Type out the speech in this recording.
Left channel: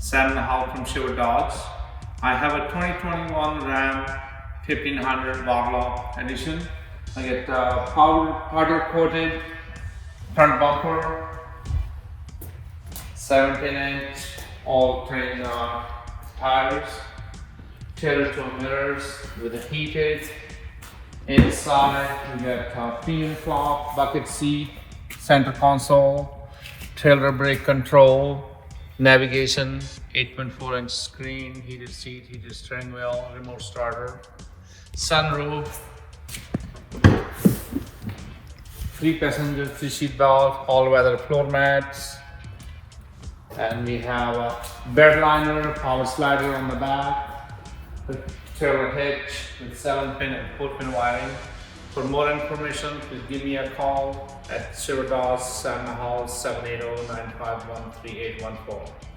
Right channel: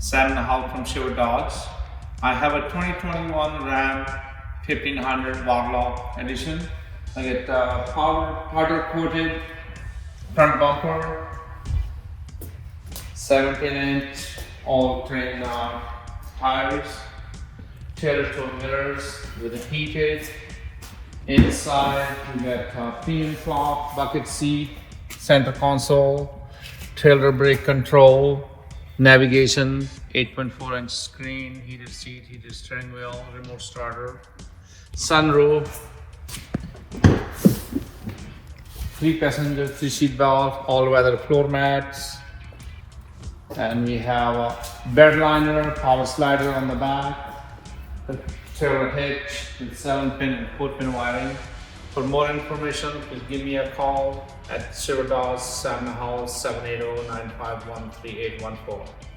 7.5 from Sherwood Dodge. I have a 2021 Ram 1500 Warlock edition. I get powder coated front bumper, 17-inch all terrain tires, tailored to mirrors with a heated. Inside we got premium cloth, bucket seat, center console, trailer brake control, navigation, 8.4-inch screen, heated seat, heated steering wheel, remote starter, sunroof, 3-passenger 3-seat belt, all-weather floor mats, and we have a bed liner, power slider on the back, the trailer hitch with 7-pin and 4-pin wiring. For more information, please give me a call at Sherwood Dodge 7 780 951 3814.